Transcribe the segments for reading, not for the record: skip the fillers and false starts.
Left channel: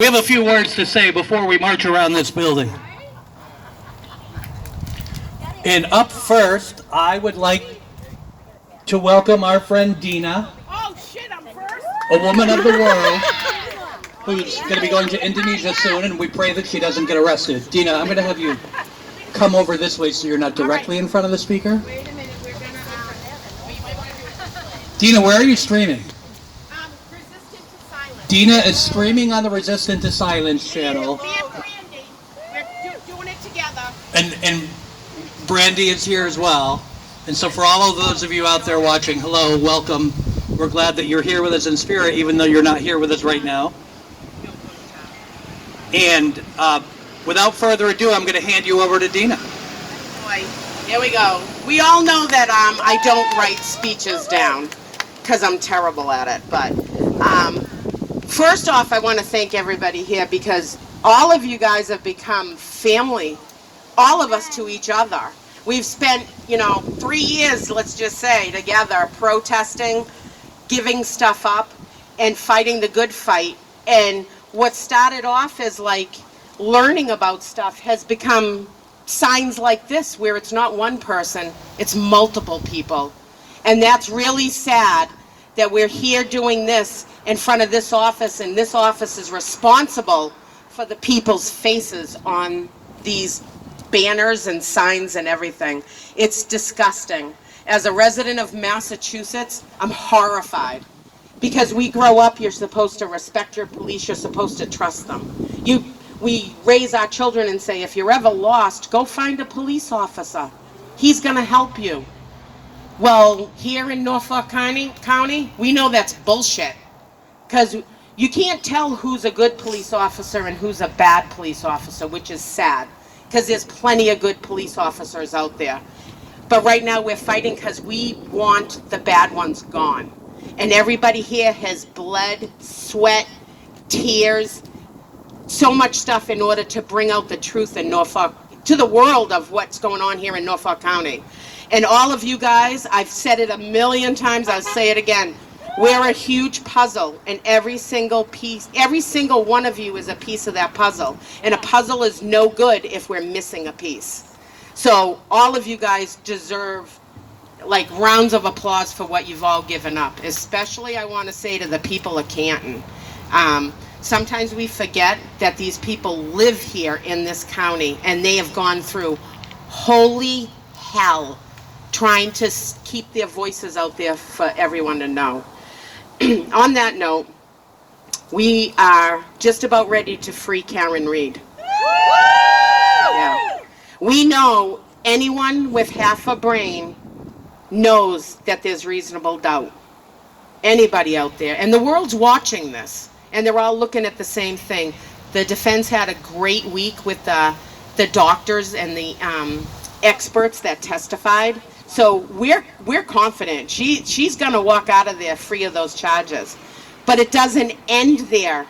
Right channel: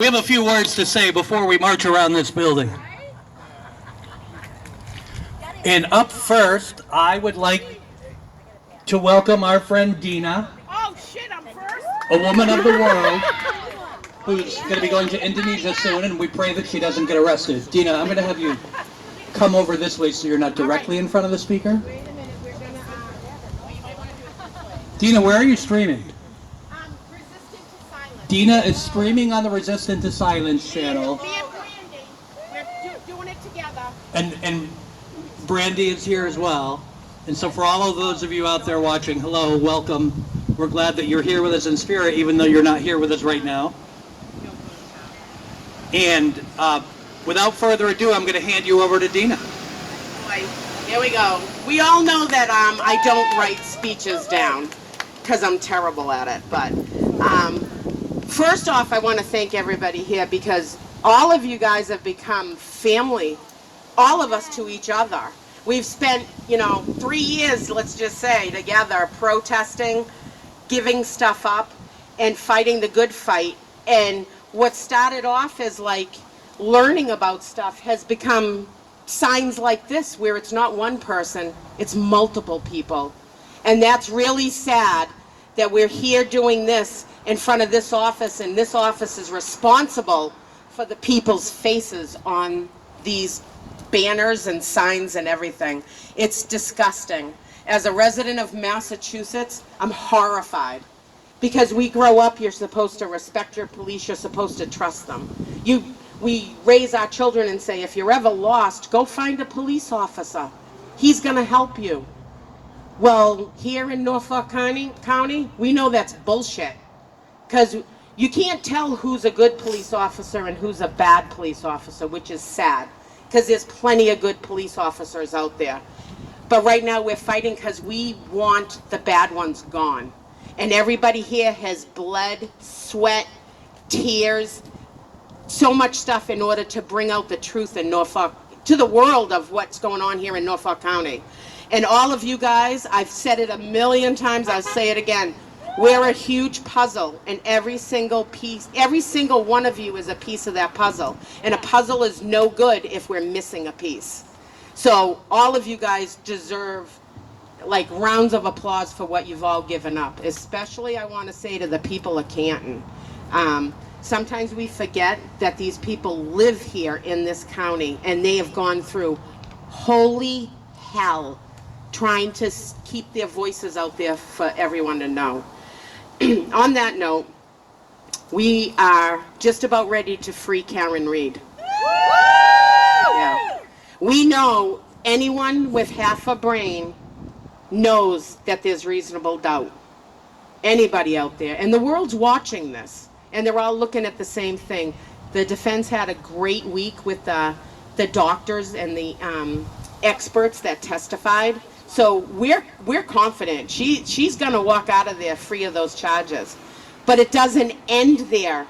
We have a few words to say before we march around this building. And up first, I would like to welcome our friend Dina, a woman of the world, who's going to be going to Indonesia soon, and we pray that she doesn't get arrested. Dina, I'm going to have you come over this way so you're not directly in front of the speaker. Dina, where are you streaming? Dina is streaming on the Resistant to Silence channel. Me and Brandy, we're doing it together. And Brandy is here as well. And so for all of those of you out there watching, hello, welcome. We're glad that you're here with us in spirit, even though you're not here with us right now. And without further ado, I'm going to hand you over to Dina. Boy, here we go. We all know that I don't write speeches down because I'm terrible at it. But first off, I want to thank everybody here because all of you guys have become family, all of us to each other. We've spent, 3 years, let's just say, together protesting, giving stuff up, and fighting the good fight. And what started off as like learning about stuff has become signs like this, where it's not one person, it's multiple people. And that's really sad that we're here doing this in front of this office, and this office is responsible for the people's faces on these banners and signs and everything. It's disgusting. As a resident of Massachusetts, I'm horrified. Because we grow up, you're supposed to respect your police, you're supposed to trust them. We raise our children and say, if you're ever lost, go find a police officer. He's gonna help you. Well, here in Norfolk County, we know that's bullshit. Because you can't tell who's a good police officer and who's a bad police officer, which is sad. Because there's plenty of good police officers out there. But right now we're fighting because we want the bad ones gone. And everybody here has bled, sweat, tears, so much stuff in order to bring out the truth in Norfolk, to the world of what's going on here in Norfolk County. And all of you guys, I've said it a million times, I'll say it again, we're a huge puzzle, and every single piece, every single one of you is a piece of that puzzle. And a puzzle is no good if we're missing a piece. So all of you guys deserve like rounds of applause for what you've all given up. Especially I want to say to the people of Canton. Sometimes we forget that these people live here in this county, and they have gone through holy hell trying to keep their voices out there for everyone to know. On that note, we are just about ready to free Karen Reed. Yeah. We know anyone with half a brain knows that there's reasonable doubt. Anybody out there. And the world's watching this. And they're all looking at the same thing. The defense had a great week with the doctors and the experts that testified. So we're confident. She's going to walk out of there free of those charges. But it doesn't end there.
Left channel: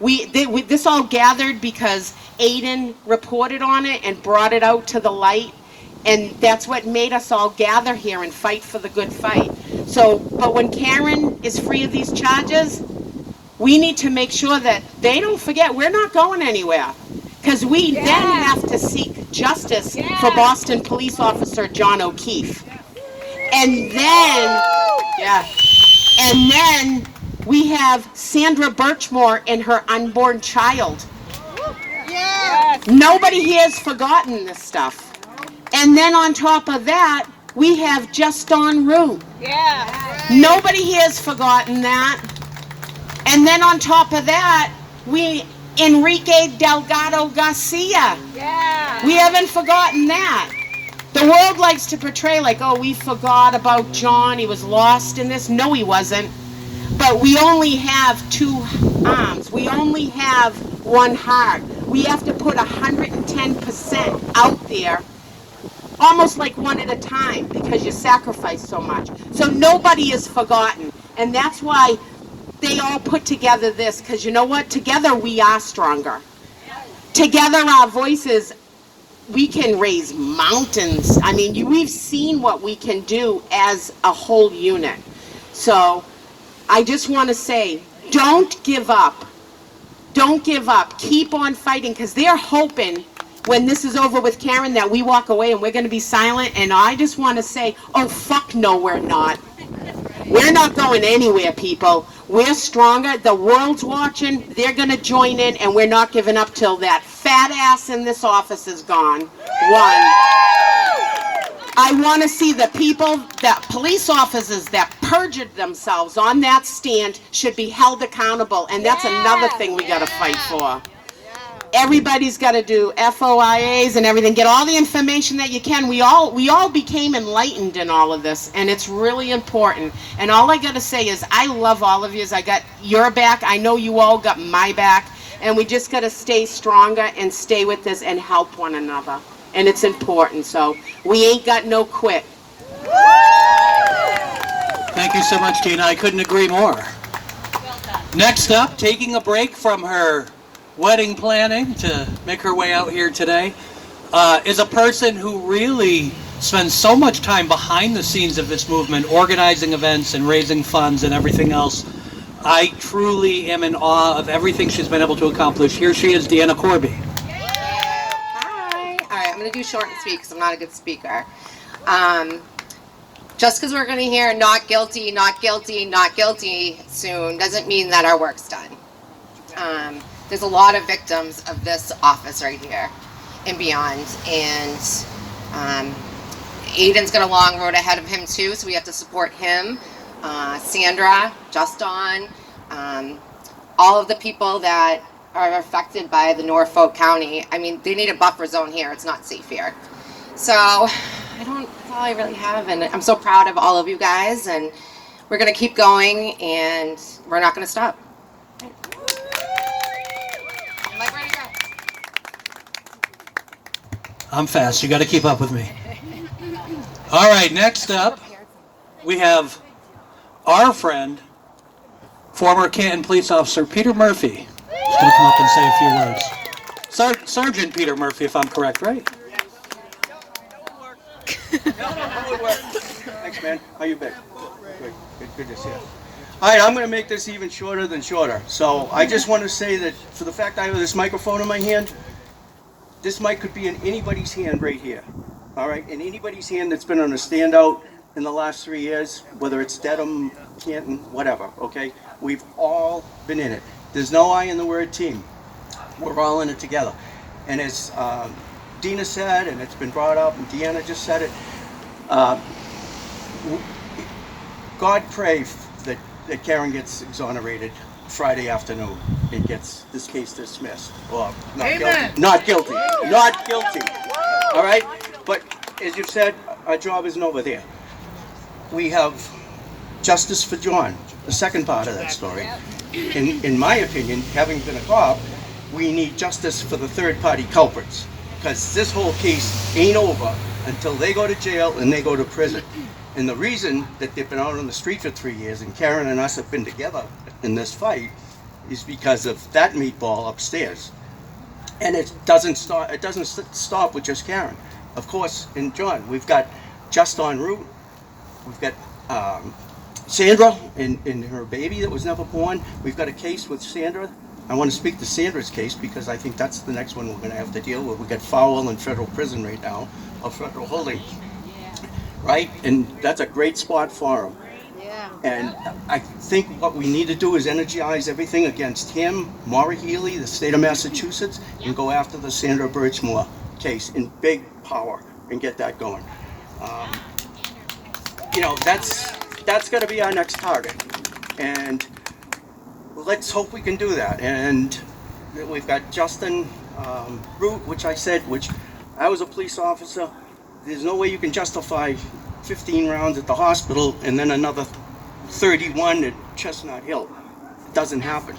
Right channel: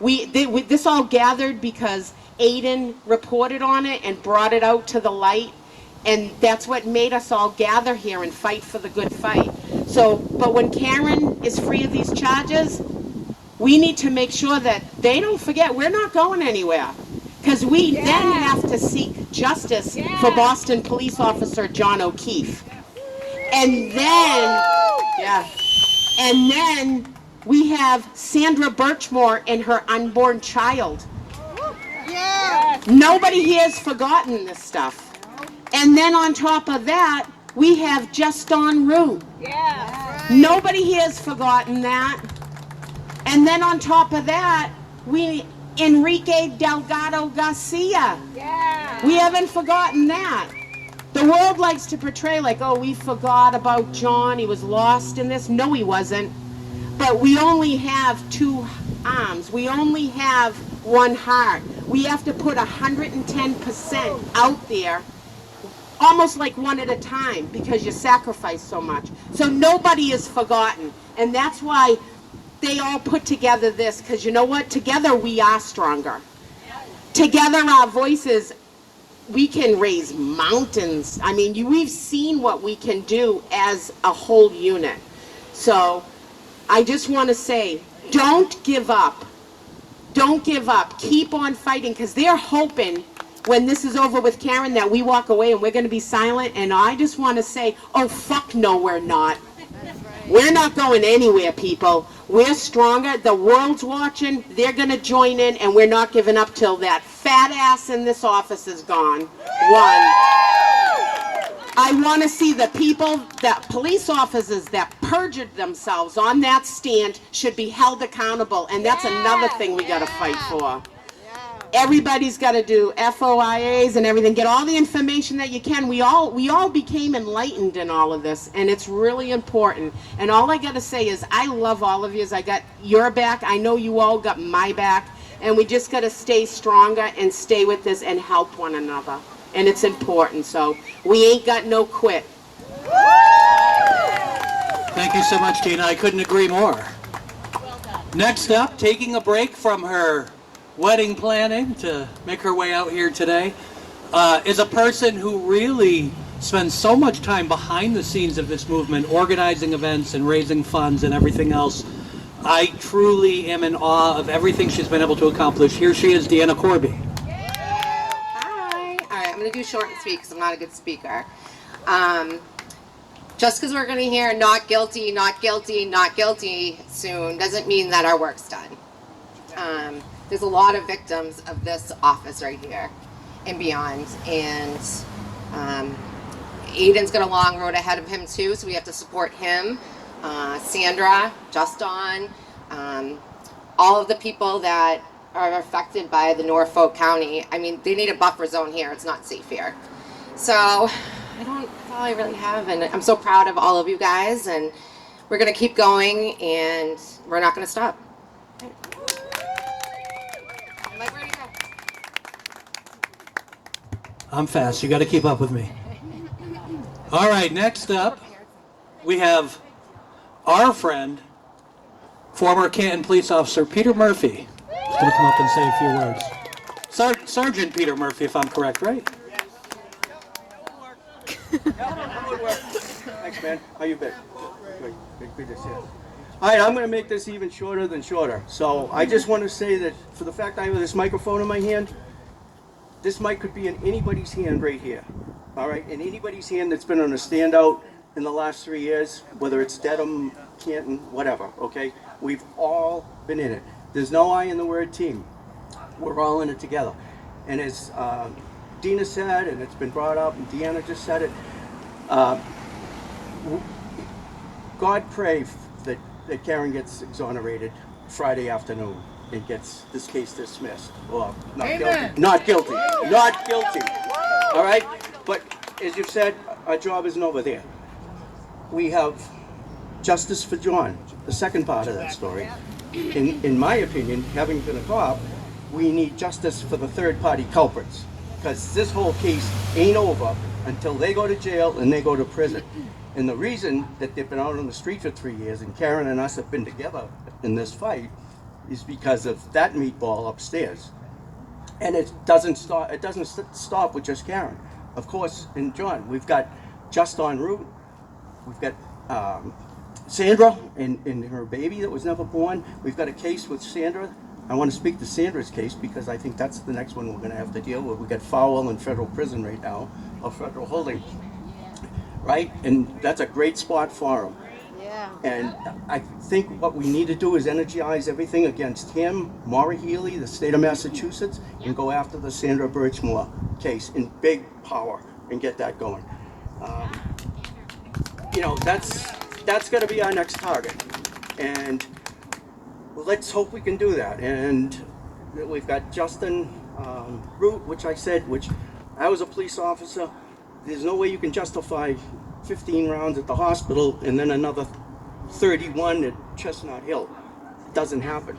This all gathered because Aiden reported on it and brought it out to the light. And that's what made us all gather here and fight for the good fight. So, but when Karen is free of these charges, we need to make sure that they don't forget we're not going anywhere. Because we then have to seek justice for Boston police officer John O'Keefe. And then we have Sandra Birchmore and her unborn child. Nobody here has forgotten this stuff. And then on top of that, we have Juston. Nobody here has forgotten that. And then on top of that, Enrique Delgado Garcia. We haven't forgotten that. The world likes to portray like, oh, we forgot about John. He was lost in this. No, he wasn't. But we only have two arms. We only have one heart. We have to put 110% out there, almost like one at a time, because you sacrifice so much. So nobody is forgotten. And that's why they all put together this, because you know what? Together we are stronger. Together our voices, we can raise mountains. I mean, we've seen what we can do as a whole unit. So I just want to say, don't give up. Don't give up. Keep on fighting, because they're hoping when this is over with Karen that we walk away and we're going to be silent. And I just want to say, oh, fuck no, we're not. We're not going anywhere, people. We're stronger. The world's watching. They're going to join in, and we're not giving up till that fat ass in this office is gone. One. I want to see the people, the police officers that perjured themselves on that stand should be held accountable, and that's another thing we got to fight for. Everybody's got to do FOIAs and everything. Get all the information that you can. We all became enlightened in all of this, and it's really important. And all I got to say is I love all of you. I got your back. I know you all got my back, and we just got to stay stronger and stay with this and help one another. And it's important. So we ain't got no quit. Thank you so much, Tina. I couldn't agree more. Next up, taking a break from her wedding planning to make her way out here today, is a person who really spends so much time behind the scenes of this movement, organizing events and raising funds and everything else. I truly am in awe of everything she's been able to accomplish. Here she is, Deanna Corby. Hi. All right, I'm going to do short and sweet because I'm not a good speaker. Just because we're going to hear not guilty, not guilty, not guilty soon doesn't mean that our work's done. There's a lot of victims of this office right here and beyond. And Aiden's got a long road ahead of him too, so we have to support him. Sandra, Juston, all of the people that are affected by the Norfolk County. I mean, they need a buffer zone here. It's not safe here. So that's all I really have. And I'm so proud of all of you guys. And we're going to keep going, and we're not going to stop. I'm fast. You got to keep up with me. All right, next up, we have our friend, former Canton police officer Peter Murphy. He's going to come up and say a few words. Sergeant Peter Murphy, if I'm correct, right? Thanks, man. How you been? Good to see you. All right, I'm going to make this even shorter than shorter. So I just want to say that for the fact I have this microphone in my hand, this mic could be in anybody's hand right here. All right, in anybody's hand that's been on a standout in the last 3 years, whether it's Dedham, Canton, whatever, okay? We've all been in it. There's no I in the word team. We're all in it together. And as Dina said, and it's been brought up, and Deanna just said it, God pray that Karen gets exonerated Friday afternoon and gets this case dismissed. Or not guilty. Not guilty. Not guilty. All right? But as you've said, our job isn't over there. We have justice for John, the second part of that story. In my opinion, having been a cop, we need justice for the third-party culprits, because this whole case ain't over until they go to jail and they go to prison. And the reason that they've been out on the street for 3 years and Karen and us have been together in this fight is because of that meatball upstairs. And it doesn't stop with just Karen. Of course, in John, we've got just en route. We've got Sandra and her baby that was never born. We've got a case with Sandra. I want to speak to Sandra's case because I think that's the next one we're going to have to deal with. We've got Fowle in federal prison right now, or federal holding, right? And that's a great spot for him. And I think what we need to do is energize everything against him, Maura Healey, the state of Massachusetts, and go after the Sandra Birchmore case in big power and get that going. That's going to be our next target. And let's hope we can do that. And we've got Juston Root, which I was a police officer. There's no way you can justify 15 rounds at the hospital and then another 31 at Chestnut Hill. It doesn't happen.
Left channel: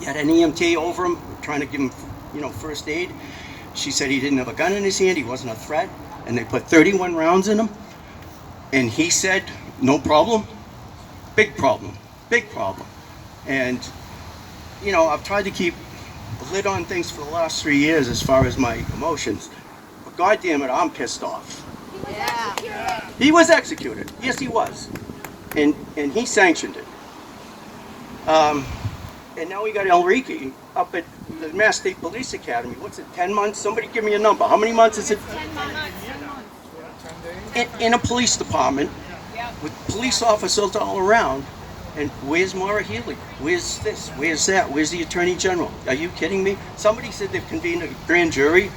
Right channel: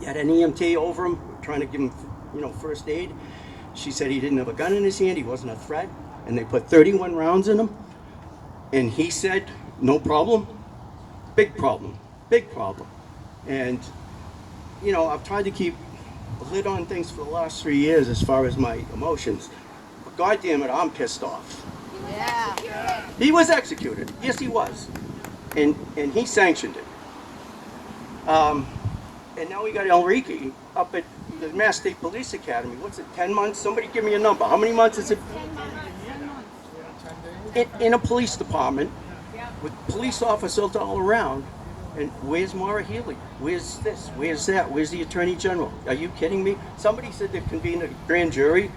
You had an EMT over him, trying to give him, first aid. She said he didn't have a gun in his hand, he wasn't a threat, and they put 31 rounds in him. And he said, no problem. Big problem. Big problem. And, I've tried to keep a lid on things for the last 3 years as far as my emotions. But God damn it, I'm pissed off. He was executed. Yes, he was. And he sanctioned it. And now we got Enrique, up at the Mass State Police Academy. What's it, 10 months? Somebody give me a number. How many months is it? 10 months. In a police department with police officers all around. And where's Maura Healey? Where's this? Where's that? Where's the Attorney General? Are you kidding me? Somebody said they've convened a grand jury.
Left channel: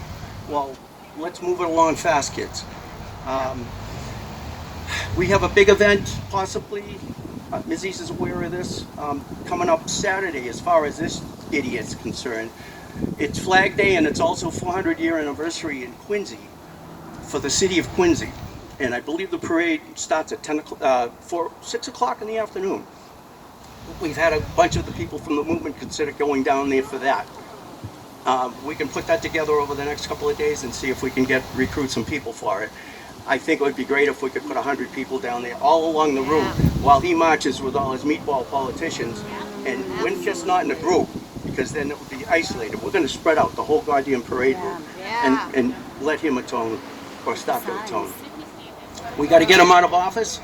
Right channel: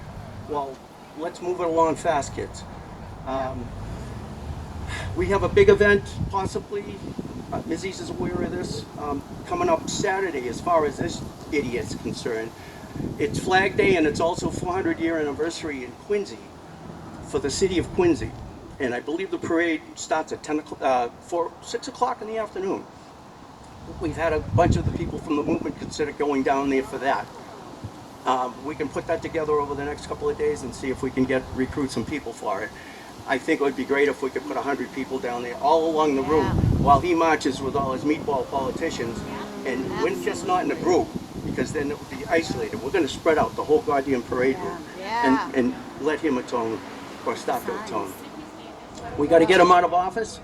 Well, let's move it along fast, kids. We have a big event, possibly. Missy's is aware of this. Coming up Saturday, as far as this idiot's concerned. It's Flag Day, and it's also 400-year anniversary in Quincy for the city of Quincy. And I believe the parade starts at 6 o'clock in the afternoon. We've had a bunch of the people from the movement consider going down there for that. We can put that together over the next couple of days and see if we can recruit some people for it. I think it would be great if we could put 100 people down there all along the route while he marches with all his meatball politicians, and we're just not in a group, because then it would be isolated. We're going to spread out the whole goddamn parade route and let him atone, or stop to atone. We got to get him out of office,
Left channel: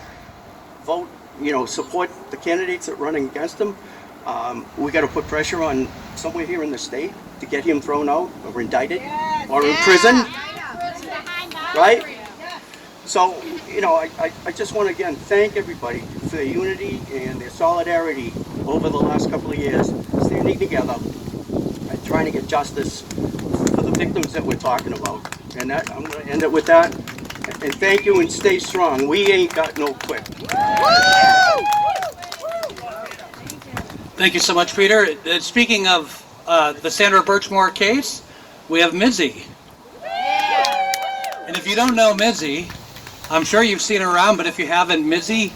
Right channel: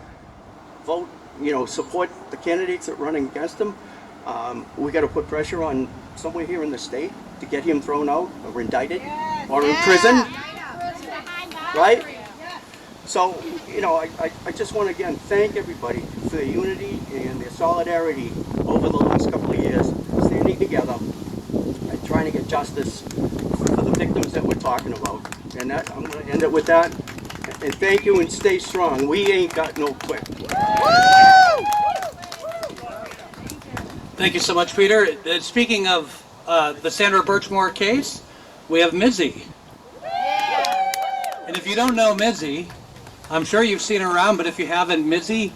vote, support the candidates that are running against him. We got to put pressure on somewhere here in the state to get him thrown out or indicted or in prison, right? So, I just want to again thank everybody for their unity and their solidarity over the last couple of years, standing together and trying to get justice for the victims that we're talking about. And I'm going to end it with that. And thank you, and stay strong. We ain't got no quit. Thank you so much, Peter. Speaking of the Sandra Birchmore case, we have Missy. And if you don't know Missy, I'm sure you've seen her around, but if you haven't, Missy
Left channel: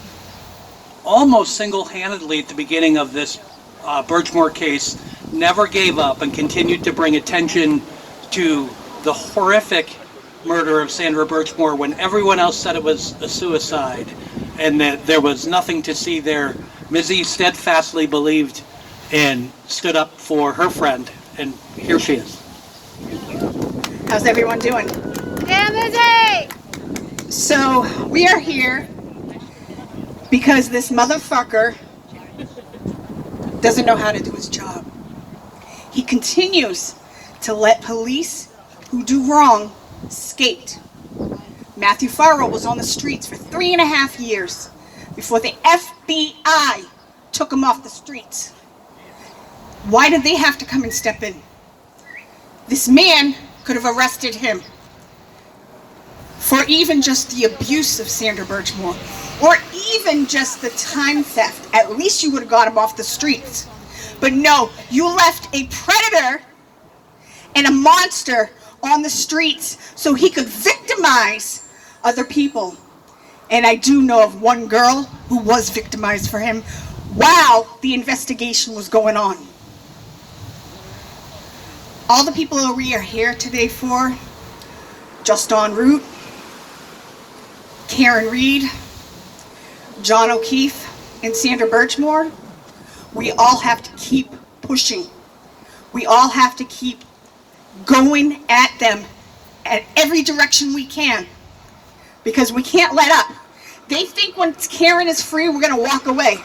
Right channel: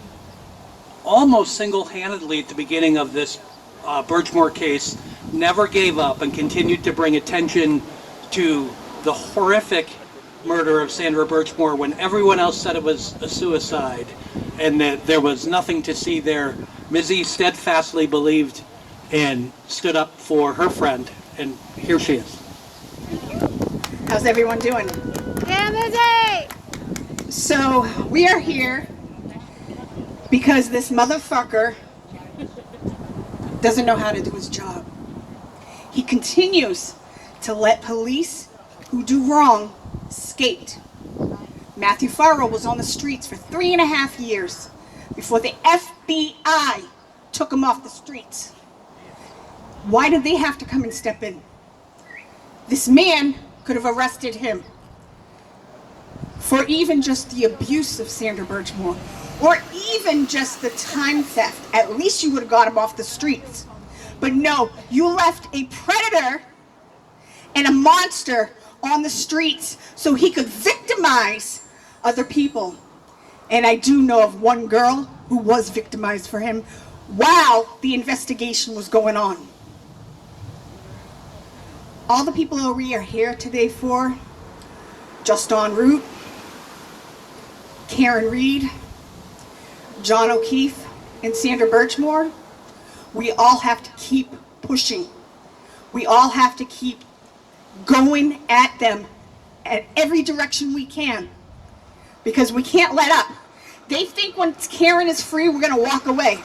almost single-handedly at the beginning of this Birchmore case never gave up and continued to bring attention to the horrific murder of Sandra Birchmore when everyone else said it was a suicide and that there was nothing to see there. Missy steadfastly believed and stood up for her friend, and here she is. How's everyone doing? Yeah, Missy! So, we are here because this motherfucker doesn't know how to do his job. He continues to let police who do wrong skate. Matthew Farrell was on the streets for 3.5 years before the FBI took him off the streets. Why did they have to come and step in? This man could have arrested him for even just the abuse of Sandra Birchmore, or even just the time theft. At least you would have got him off the streets. But no, you left a predator and a monster on the streets so he could victimize other people. And I do know of one girl who was victimized for him while the investigation was going on. All the people that we are here today for, Juston Root, Karen Reed, John O'Keefe, and Sandra Birchmore, we all have to keep pushing. We all have to keep going at them at every direction we can, because we can't let up. They think when Karen is free, we're gonna walk away.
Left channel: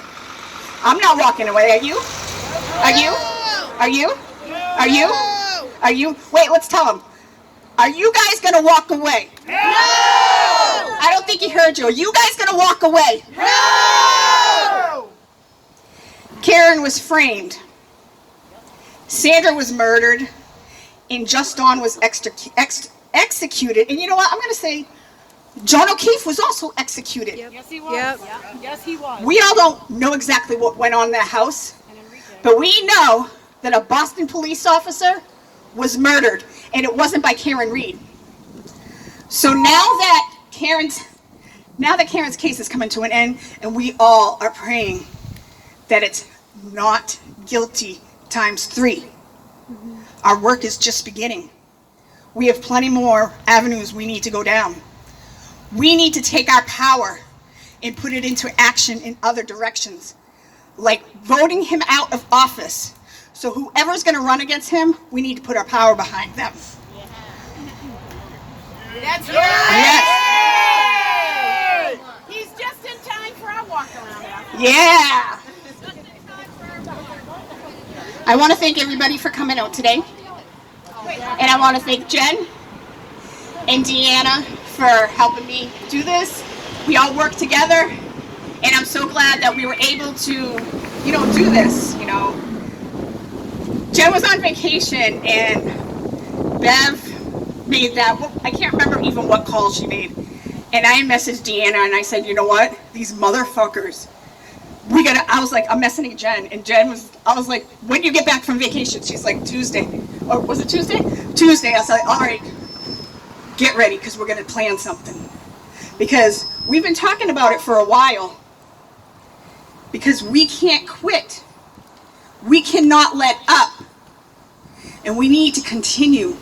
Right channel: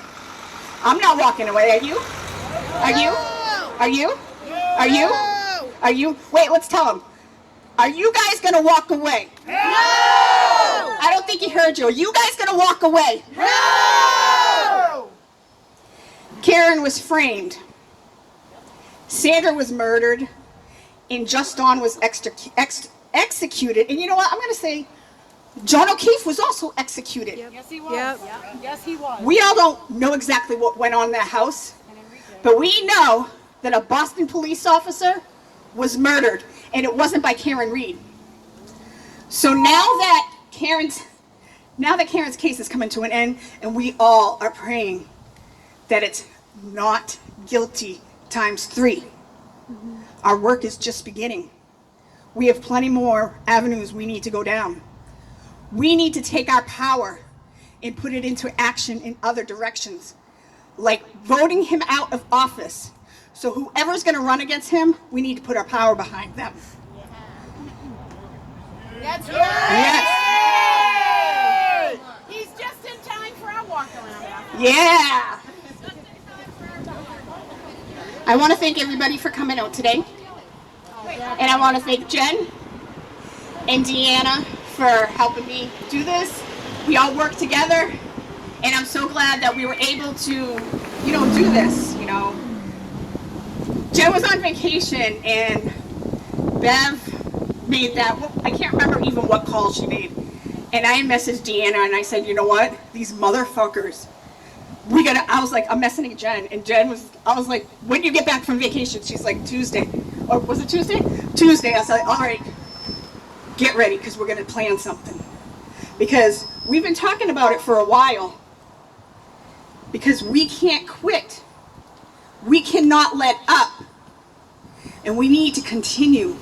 I'm not walking away, are you? Are you? Are you? Are you? Are you? Wait, let's tell them. Are you guys gonna walk away? No! I don't think he heard you. Are you guys gonna walk away? No! Karen was framed. Sandra was murdered. And Juston was executed. And you know what? I'm going to say John O'Keefe was also executed. Yep. Yes, he was. Yep. Yes, he was. We all don't know exactly what went on in that house, but we know that a Boston police officer was murdered, and it wasn't by Karen Reed. So now that Karen's case is coming to an end, and we all are praying that it's not guilty times 3. Mm-hmm. Our work is just beginning. We have plenty more avenues we need to go down. We need to take our power and put it into action in other directions, like voting him out of office. So whoever's going to run against him, we need to put our power behind them. That's right. Yes. He's just in time for our walk around. Yeah. I want to thank everybody for coming out today. And I want to thank Jen and Deanna for helping me do this. We all work together, and I'm so glad that we were able to, do this, Jen was on vacation, and Bev made that, I can't remember even what call she made. And I messaged Deanna, and I said, you know what? These motherfuckers. I was like, I'm messaging Jen, and I was like, when do you get back from vacation? She's like, Tuesday. Or was it Tuesday? Tuesday. I was like, all right, get ready, because we're going to plan something. Because we've been talking about it for a while, because we can't quit. We cannot let up. And we need to continue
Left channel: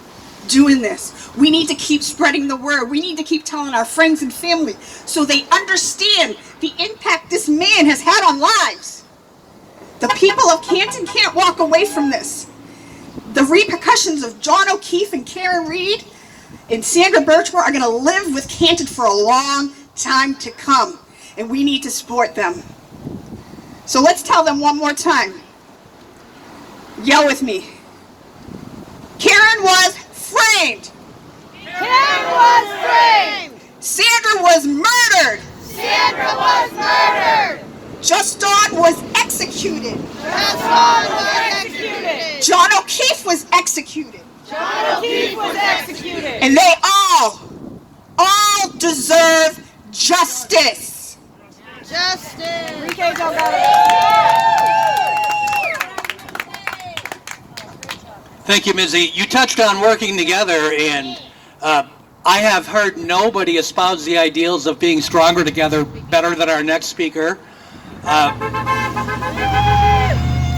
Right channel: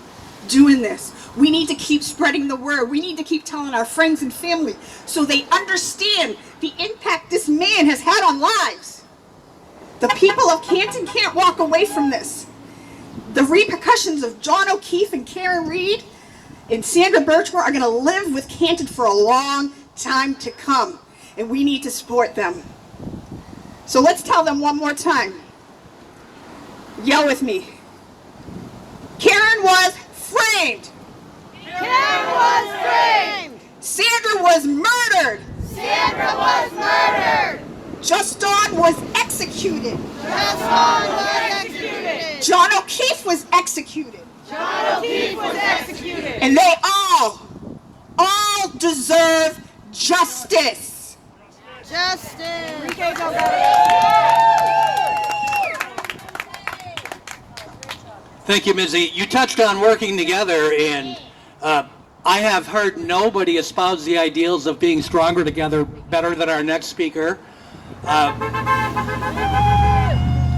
doing this. We need to keep spreading the word. We need to keep telling our friends and family so they understand the impact this man has had on lives. The people of Canton can't walk away from this. The repercussions of John O'Keefe and Karen Reed and Sandra Birchmore are going to live with Canton for a long time to come. And we need to support them. So let's tell them one more time. Yell with me. Karen was framed. Karen was framed. Sandra was murdered. Sandra was murdered. Juston was executed. Juston was executed. John O'Keefe was executed. John O'Keefe was executed. And they all deserve justice. Juston. Enrique Thank you, Missy. You touched on working together, and I have heard nobody espouse the ideals of being stronger together better than our next speaker.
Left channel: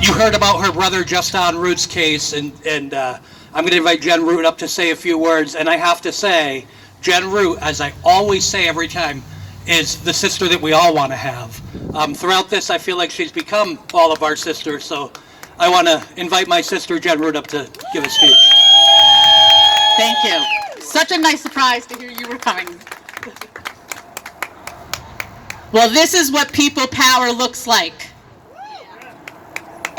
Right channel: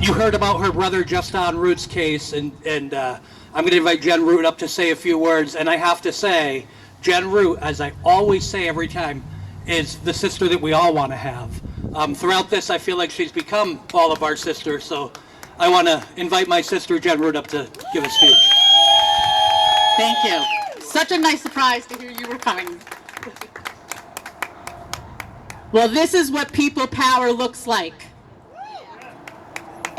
You heard about her brother Juston Root's case, and I'm going to invite Jen Root up to say a few words. And I have to say, Jen Root, as I always say every time, is the sister that we all want to have. Throughout this, I feel like she's become all of our sisters, so I want to invite my sister Jen Root up to give a speech. Thank you. Such a nice surprise to hear you were coming. Well, this is what people power looks like.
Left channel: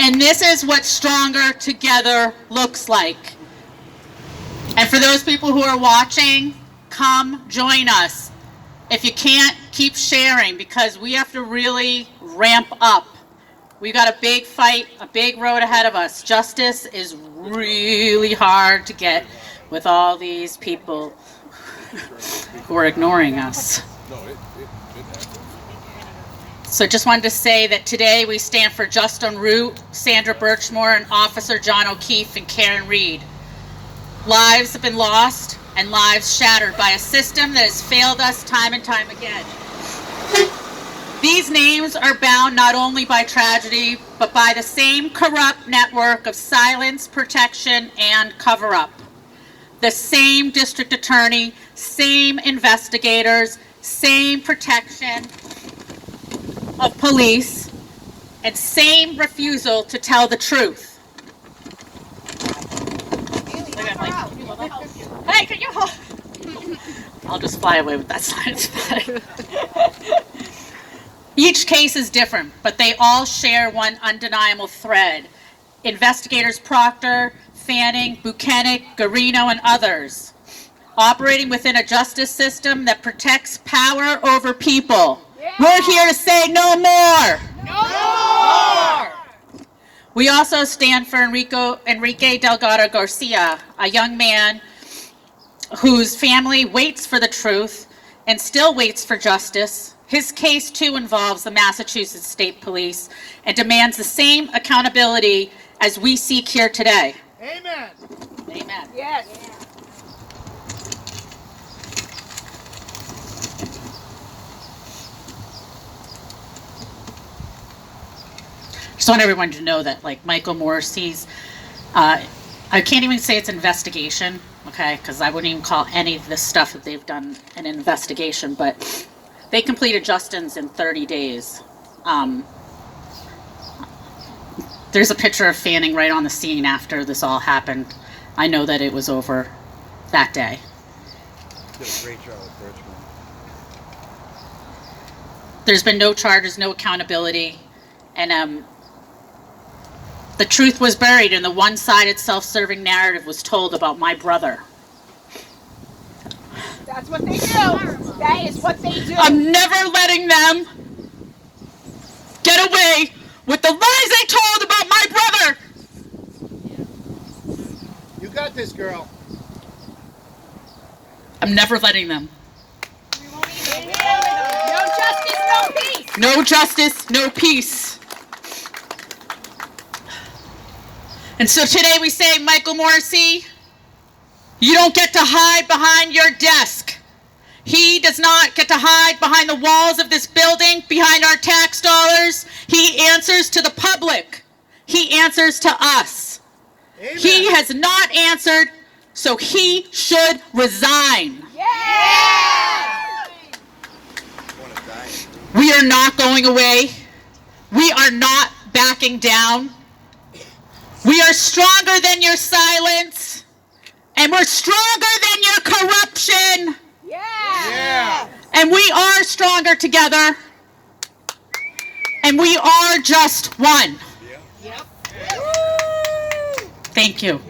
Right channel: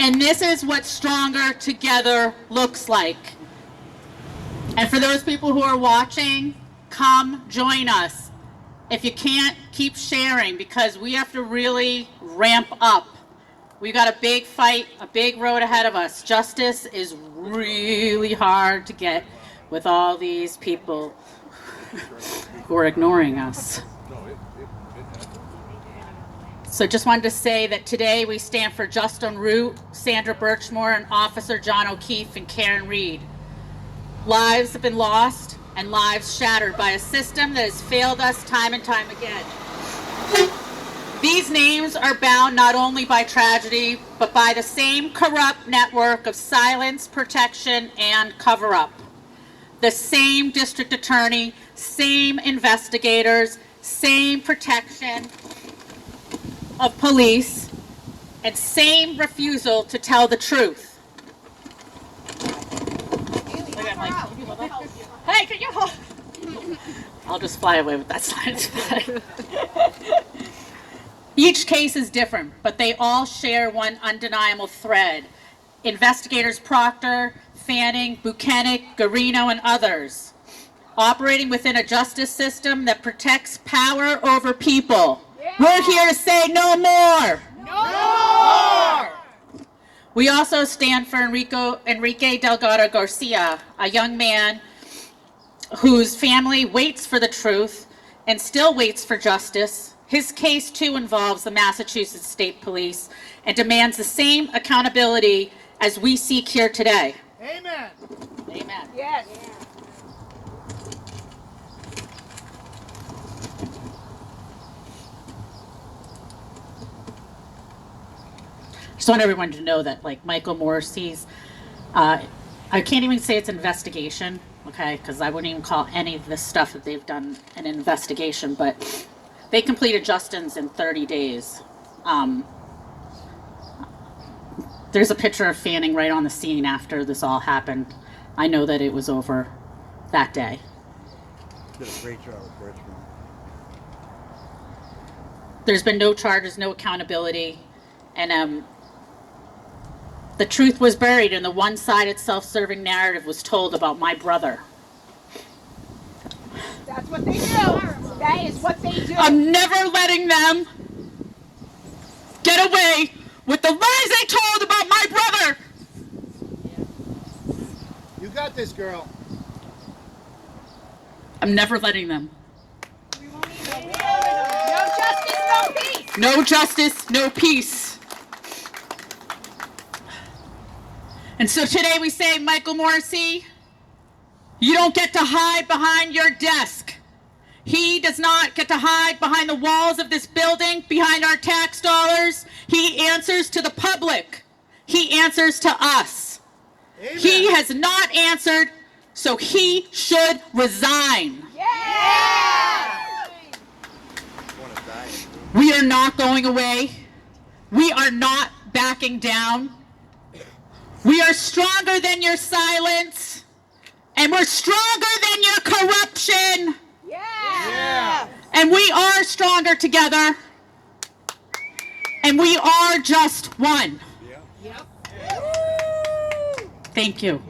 And this is what stronger together looks like. And for those people who are watching, come join us. If you can't, keep sharing, because we have to really ramp up. We've got a big fight, a big road ahead of us. Justice is really hard to get with all these people who are ignoring us. So just wanted to say that today we stand for Juston Root, Sandra Birchmore, and Officer John O'Keefe and Karen Reed. Lives have been lost and lives shattered by a system that has failed us time and time again. These names are bound not only by tragedy, but by the same corrupt network of silence, protection, and cover-up. The same district attorney, same investigators, same protection of police, and same refusal to tell the truth. Hey, can you hold? I'll just fly away with that science flag. Each case is different, but they all share one undeniable thread. Investigators Proctor, Fanning, Buchanan, Garino, and others, operating within a justice system that protects power over people. Yeah. We're here to say no more. No more. We also stand for Enrique Delgado Garcia, a young man whose family waits for the truth and still waits for justice. His case, too, involves the Massachusetts State Police and demands the same accountability as we seek here today. Amen. Amen. Yes. Just want everyone to know that, like, Michael Morrissey's, I can't even say it's investigation, okay, because I wouldn't even call any of this stuff that they've done an investigation, but they completed Juston's in 30 days. There's a picture of Fanning right on the scene after this all happened. I know that it was over that day. Did a great job with Birchmore. There's been no charges, no accountability, and The truth was buried and the one-sided self-serving narrative was told about my brother. That's what they do. That is what they do. I'm never letting them get away with the lies they told about my brother. You got this, girl. I'm never letting them. No justice, no peace. No justice, no peace. And so today we say, Michael Morrissey, you don't get to hide behind your desk. He does not get to hide behind the walls of this building, behind our tax dollars. He answers to the public. He answers to us. Amen. He has not answered, so he should resign. Yeah. We are not going away. We are not backing down. We are stronger than your silence, and we're stronger than your corruption. Yeah. And we are stronger together, and we are just one. Yep. Thank you.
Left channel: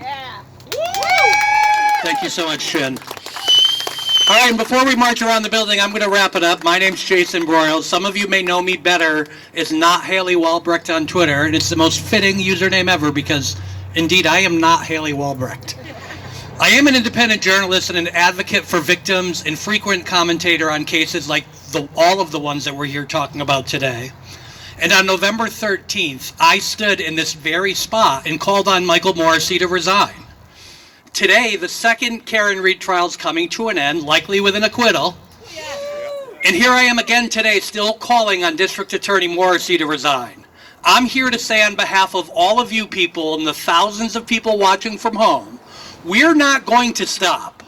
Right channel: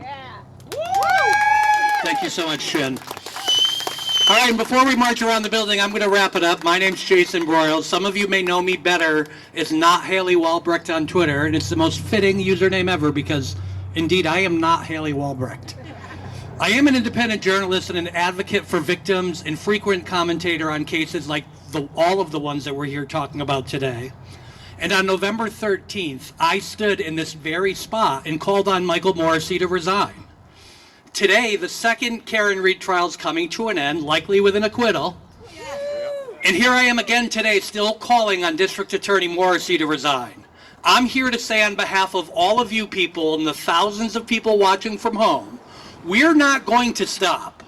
Thank you so much, Shin. All right, and before we march around the building, I'm going to wrap it up. My name's Jason Broyles. Some of you may know me better as Not Haley Walbrecht on Twitter, and it's the most fitting username ever because, indeed, I am not Haley Walbrecht. I am an independent journalist and an advocate for victims and frequent commentator on cases like all of the ones that we're here talking about today. And on November 13th, I stood in this very spot and called on Michael Morrissey to resign. Today, the second Karen Read trial is coming to an end, likely with an acquittal. And here I am again today, still calling on District Attorney Morrissey to resign. I'm here to say on behalf of all of you people and the thousands of people watching from home, we're not going to stop.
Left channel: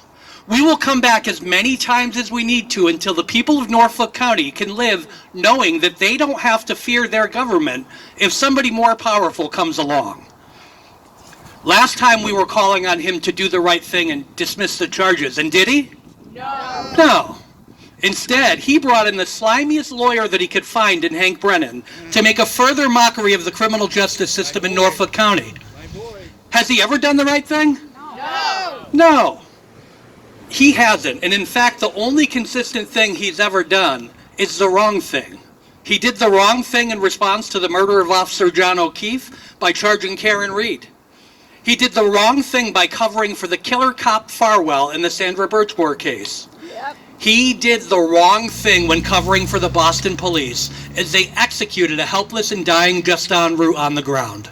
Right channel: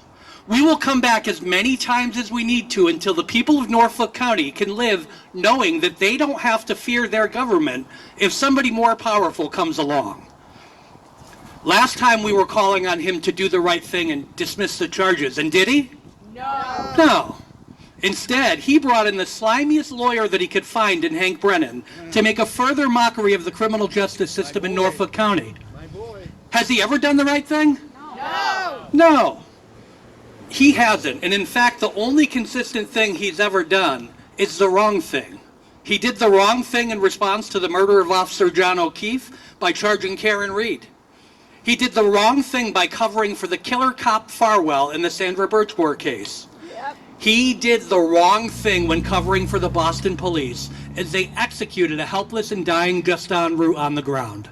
We will come back as many times as we need to until the people of Norfolk County can live knowing that they don't have to fear their government if somebody more powerful comes along. Last time we were calling on him to do the right thing and dismiss the charges, and did he? No. Instead, he brought in the slimiest lawyer that he could find in Hank Brennan to make a further mockery of the criminal justice system in Norfolk County. Has he ever done the right thing? No. He hasn't. And in fact, the only consistent thing he's ever done is the wrong thing. He did the wrong thing in response to the murder of Officer John O'Keefe by charging Karen Read. He did the wrong thing by covering for the killer cop Farwell in the Sandra Birchmore case. He did the wrong thing when covering for the Boston police as they executed a helpless and dying Juston Root on the ground.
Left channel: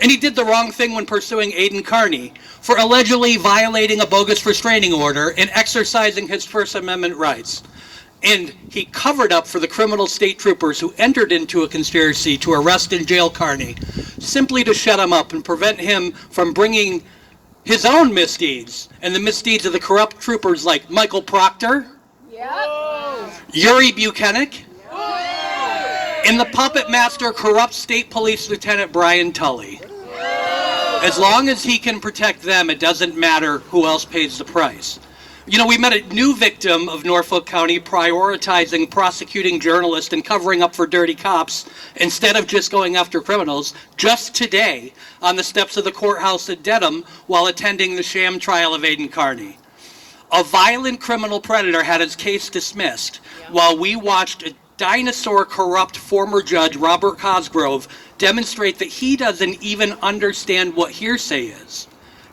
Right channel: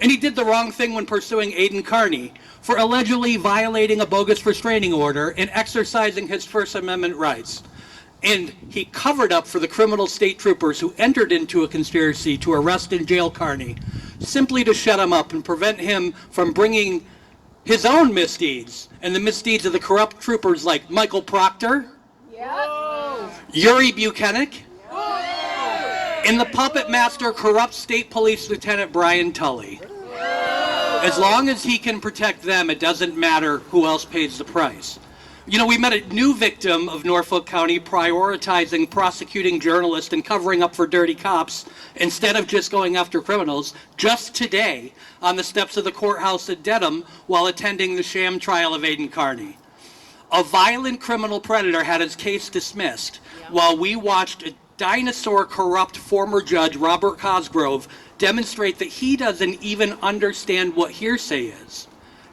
And he did the wrong thing when pursuing Aiden Carney for allegedly violating a bogus restraining order and exercising his First Amendment rights. And he covered up for the criminal state troopers who entered into a conspiracy to arrest and jail Carney, simply to shut him up and prevent him from bringing his own misdeeds and the misdeeds of the corrupt troopers like Michael Proctor, Yuri Buchanan, and the puppet master corrupt state police lieutenant Brian Tully. As long as he can protect them, it doesn't matter who else pays the price. You know, we met a new victim of Norfolk County prioritizing prosecuting journalists and covering up for dirty cops instead of just going after criminals just today on the steps of the courthouse at Dedham while attending the sham trial of Aiden Carney. A violent criminal predator had his case dismissed while we watched a dinosaur corrupt former judge Robert Cosgrove demonstrate that he doesn't even understand what hearsay is.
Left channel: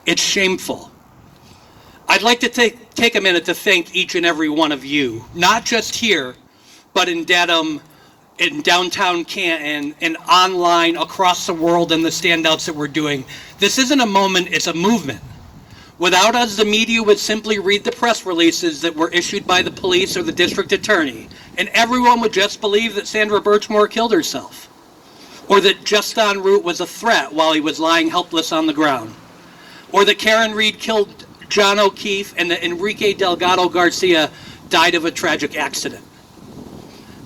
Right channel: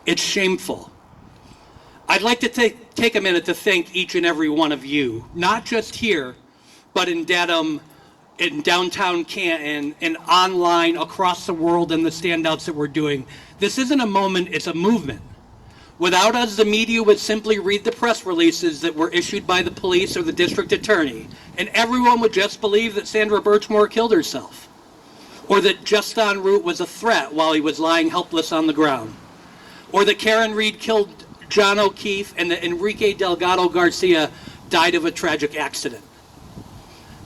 It's shameful. I'd like to take a minute to thank each and every one of you, not just here, but in Dedham, in downtown Canton, and online across the world, and the standouts that we're doing. This isn't a moment, it's a movement. Without us, the media would simply read the press releases that were issued by the police or the district attorney, and everyone would just believe that Sandra Birchmore killed herself, or that Juston Root was a threat while he was lying helpless on the ground, or that Karen Read killed John O'Keefe and that Enrique Delgado Garcia died of a tragic accident.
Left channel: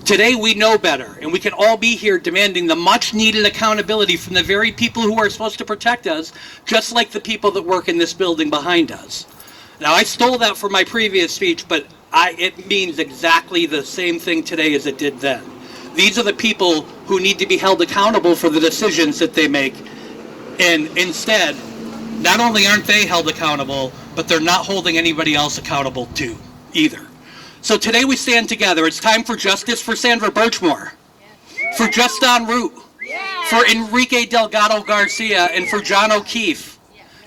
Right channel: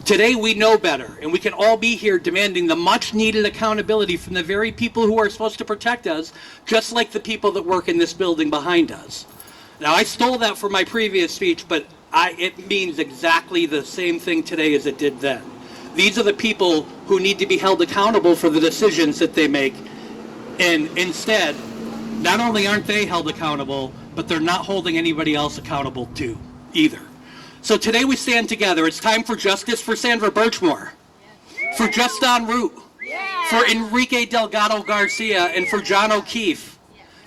Today we know better, and we can all be here demanding the much-needed accountability from the very people who are supposed to protect us, just like the people that work in this building behind us. Now, I stole that from my previous speech, but it means exactly the same thing today as it did then. These are the people who need to be held accountable for the decisions that they make, And instead, not only aren't they held accountable, but they're not holding anybody else accountable too, either. So today we stand together. It's time for justice for Sandra Birchmore, for Juston Root, for Enrique Delgado Garcia, and for John O'Keefe,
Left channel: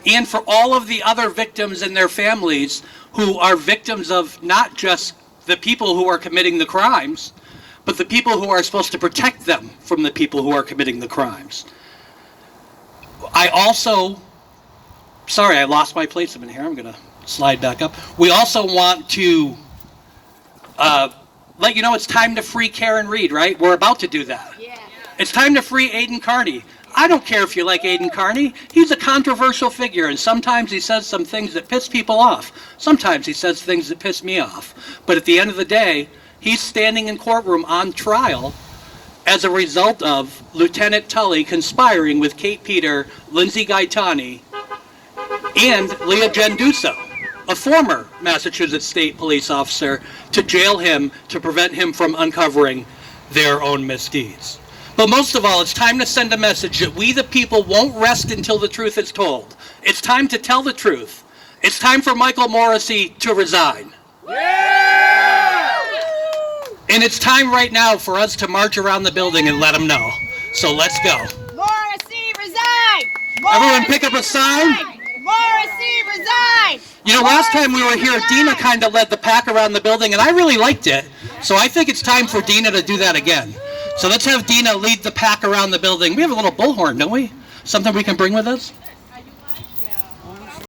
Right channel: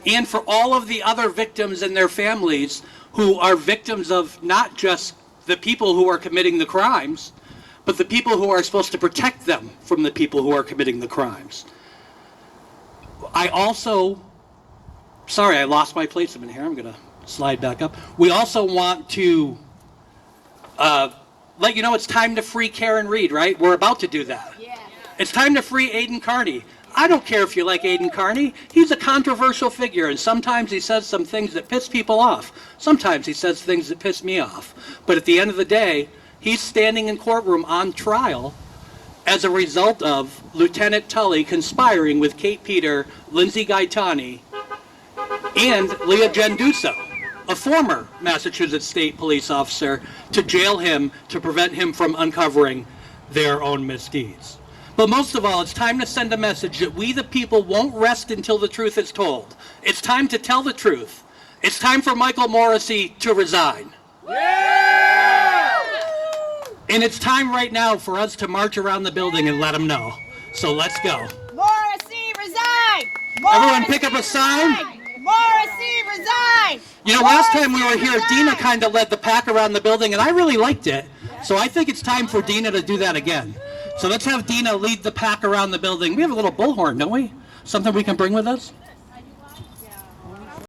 and for all of the other victims and their families who are victims of not just the people who are committing the crimes, but the people who are supposed to protect them from the people who are committing the crimes. I also, sorry, I lost my place a minute here. I'm going to slide back up. We also want to let you know it's time to free Karen Reed, right? We're about to do that. It's time to free Aiden Carney. I don't care if you like Aiden Carney. He's a controversial figure, and sometimes he says some things that piss people off. Sometimes he says things that piss me off. But at the end of the day, he's standing in courtroom on trial as a result of Lieutenant Tully conspiring with Kate Peter, Lindsay Gaetani, and Leah Genduso, a former Massachusetts State Police officer, to jail him to prevent him from uncovering their own misdeeds. But most of all, it's time to send a message that we the people won't rest until the truth is told. It's time to tell the truth. It's time for Michael Morrissey to resign. And it's time right now for us to march around the building and let him know. So let's go. Morrissey, resign! Everyone pick up a sign. Morrissey, resign! You know, last time we were here, Dina kind of led the pack around the building, and I really liked it. So I think it's time for Dina to do that again. So let's have Dina lead the pack around the building. We have a little bullhorn, don't we? Something we can bring with us?